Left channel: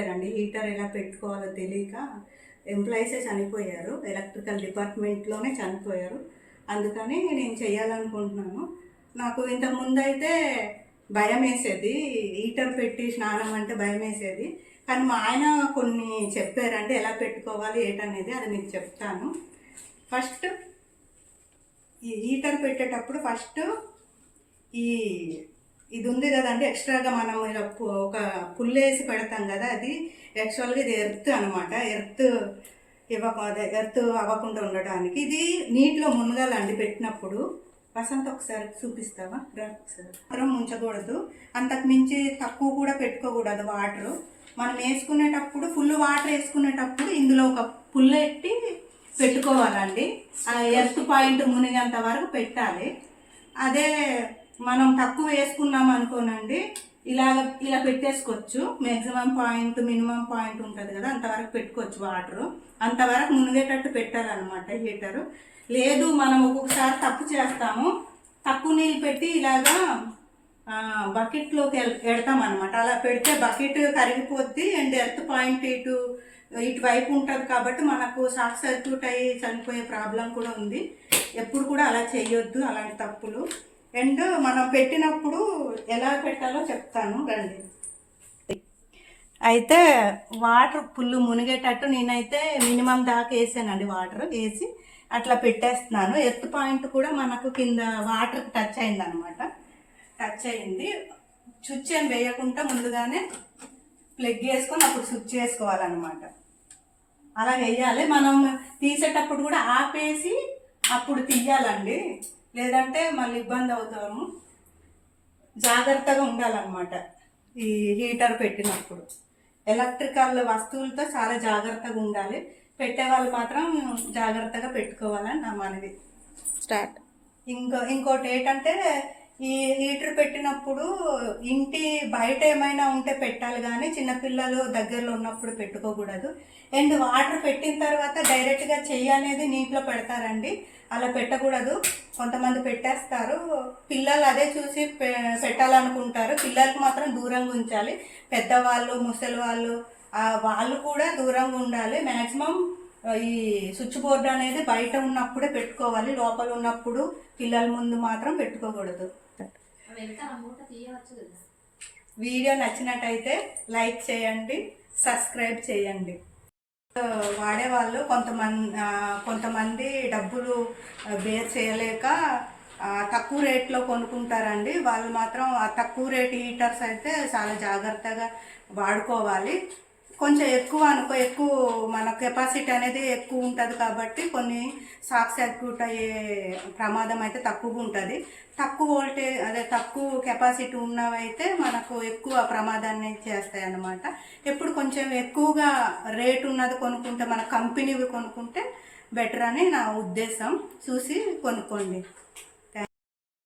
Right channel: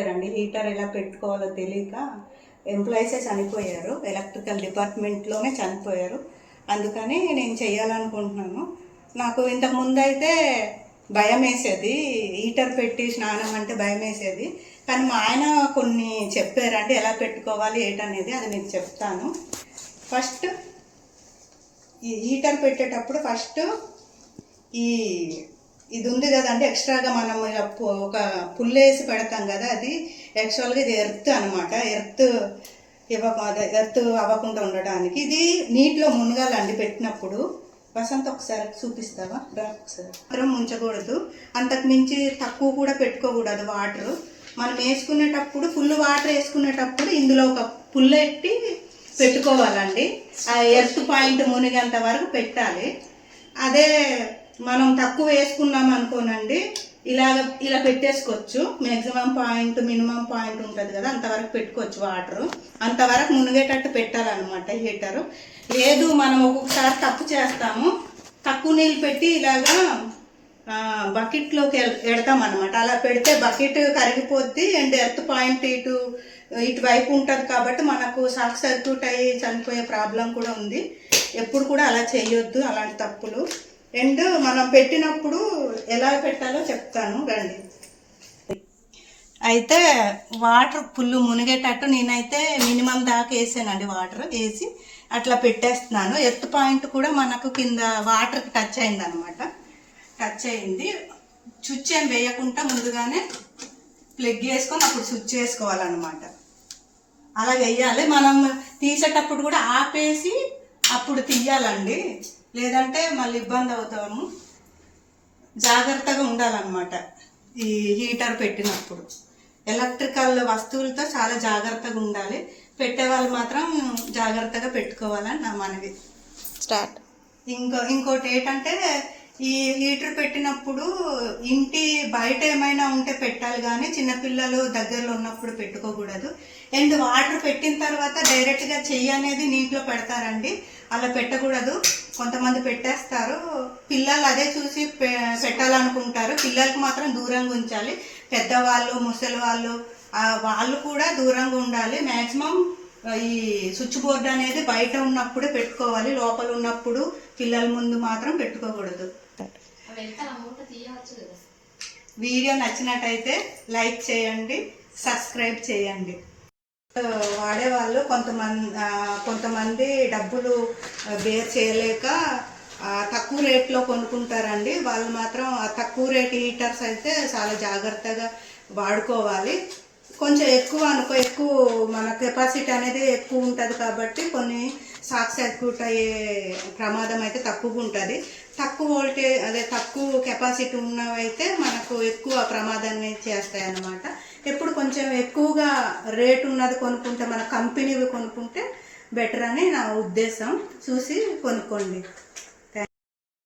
అండి హీటర్ ఎలా పెట్టుకోవాలో తెలియక ఎంప్లాయీసే చనిపోయారు, ఎలక్ట్రికల్ డిపార్ట్మెంట్లోనే చనిపోయారు. అందుకని నేను చెయ్యాలనుకుంటున్నాను. నాకు ఇంతకు ముందు అయితే భయం వేసేది, హీటర్ పెట్టి స్నానం అంటే భయం వేసేది. కానీ మా ఆయన కొన్ని చెప్పారంటే ఎలా పెట్టుకోవాలి ఏంటనేది, అది మీకు చెప్తాను. ఫస్ట్ ఈ హీటర్ పెట్టేటప్పుడు ఇది ఉంది కదండి, ఎక్స్ట్రాగా మనం ఇలా ఒక పుల్లేసి పెడతాం కదా, అది యాక్చువల్గా ఇది ఎర్త్ అనమాట. ఎర్త్ అవ్వకుండా ఉండడానికి ఇది నీటిలో మునగాలండి పెట్టినప్పుడు. వసంత ఒకసారి చూపిస్తావా? ఒకసారి మాత్రం ఉంచకూడదు, అంతకు మించి తక్కువ కూడా పెట్టుకోకూడదు వాటర్. మనం వేసుకునేటప్పుడు ఫుల్ వాటర్ వేసుకునేటప్పుడు ఇందులో ఒక పుల్లెట్టి పెట్టుకోవాలండి. ఆ ఎర్త్ పాయింట్ మునిగేంత వరకు పెట్టాలి. అదే మనం తక్కువ వేసుకున్నాం అనుకోనండి, ఇలా పెట్టేసుకోవచ్చు. మ్యాక్సిమం పాయింట్ మినిమం పాయింట్ ఉంటుంది కదా, అంతవరకు పెట్టుకోవచ్చు వాటరు. అంతవరకు మునిగేటట్టు పెట్టాలన్నమాట హీటరు. లేదు మనం ఒక్కొక్కసారి తప్పు చేస్తాము, తక్కువ నీళ్ళు పెట్టి ఇలాగా బకెట్లోకి ఎడతాం అనమాట. అలా పెడితే బకెట్ కరిగిపోద్ది అండ్ ఎర్త్ పాయింట్ ఇటువైపు ఉంటుంది కాబట్టి మనకు షార్ట్ సర్క్యూట్ అయ్యి చనిపోయే ప్రాబ్లం కూడా ఉంది. ఎప్పుడు కూడా అలా చేయొద్దు, అలాంటి తప్పులు. అండ్ మనం పెట్టినప్పుడు ఎలా పెట్టాలో చెప్తాను రండి. అయితే వాటర్ ఫుల్ మునిగేటట్టు నేనైతే మినిమం దాకా వేసానండి. వాటర్ వేసి అట్లా పెట్టేస్తున్నాను. ఎర్త్ పాయింట్ కూడా మనకు కింద వాటర్కి టచ్ అయింది అనమాట. టచ్ అయింది. స్విచ్ ఏం వేయకుండా ముందుగానే ప్లగ్ వేసుకొని అప్పుడు స్విచ్ వేసుకోవాలన్నమాట. అలా వేయాలి. మనం తీసేటప్పుడు కూడా ఆపేసి అప్పుడు తీయాలండి, లేదంటే మళ్ళీ ఇబ్బంది అవుతాము. జాగ్రత్తగా ఉండాలన్నమాట ఈ హీటర్ పెట్టినప్పుడు. ఎలక్ట్రికల్ వస్తువులతో చాలా జాగ్రత్తగా ఉండాలి. పెట్టే వాళ్ళు మాత్రం జాగ్రత్తగా పెట్టుకోవాలని నా మనవి. స్టార్ట్. ఇంకోటి ఏంటంటే, ఈ హీటర్ పెట్టినప్పుడు ఇంటి బయట ఏమైనా ఉంటే పెట్టాలి, కానీ చిన్నపిల్లలు దగ్గరలో ఉన్నప్పుడు పెట్టుకోకూడదు. అండ్ వాటర్ పెట్టిన తర్వాత డైరెక్ట్గా చెయ్యి అనేది నీటిలో పెడతారండి, అలా పెట్టకూడదు. కొంతమంది పెట్టేస్తారు, పిల్లలు అదే చూసి పెట్టాలనుకుంటారు. పిల్లలకు మాత్రం దూరంగా ఉంచాలి. పెద్దవాళ్ళు, ముసలి వాళ్ళు కూడా దూరంగా ఉండాలి. మ్యాక్సిమం ఈ స్విచ్ బోర్డు అనేది బయట ఉన్నప్పుడే పెట్టుకోవాలి, లోపల ఉన్నప్పుడు పిల్లల ముందు మాత్రం పెట్టుకోకూడదు. వీడియో నచ్చినట్టయితే లైక్ చేయండి, సబ్స్క్రైబ్ చేయండి. వాడేవాళ్ళు కొంతమంది డబ్బులు బేర్ చేయలేక తక్కువ రేట్లో కొనుక్కుంటారండి. వాళ్ళు మాత్రం తక్కువ రేట్ హీటర్స్ అయితే చాలా జాగ్రత్తగా వాడుకోవాలి. కొంచెం ఎక్కువ మన కెపాసిటీ అనేది ఎక్కువ ఉంటుంది కాబట్టి కొన్ని షార్ట్ సర్క్యూట్ అయ్యే ప్రమాదం అయితే తక్కువగా ఉంటుంది. తక్కువ కెపాసిటీ ఉన్నవైతే మనకు ఎక్కువ ప్రమాదాన్ని చేస్తాయి అన్నమాట. ఎప్పుడు కొంచెం ఎక్కువగా రేటు ఉన్నది కొనుక్కుంటే, మన కంపెనీవి కొనుక్కుంటే బెటర్ అని నా ఉద్దేశం. చూసి కొనుక్కోండి.